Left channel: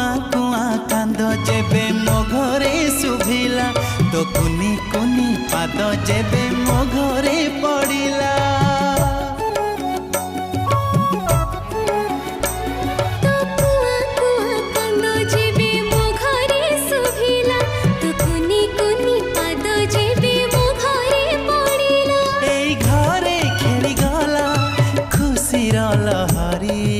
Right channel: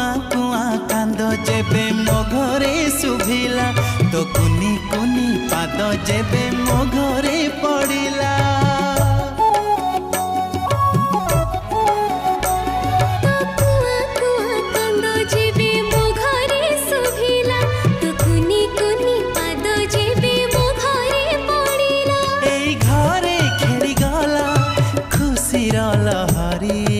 कुआ कुआ कांद जेबे मो घरे शुभिला तो कुनी कुनी पाद जेबे मो घरे पड़िला तो कुआ कुआ कांद जेबे मो घरे शुभिला तो कुनी कुनी पाद जेबे मो घरे पड़िला एई घरे खेली गला खुशी लहरी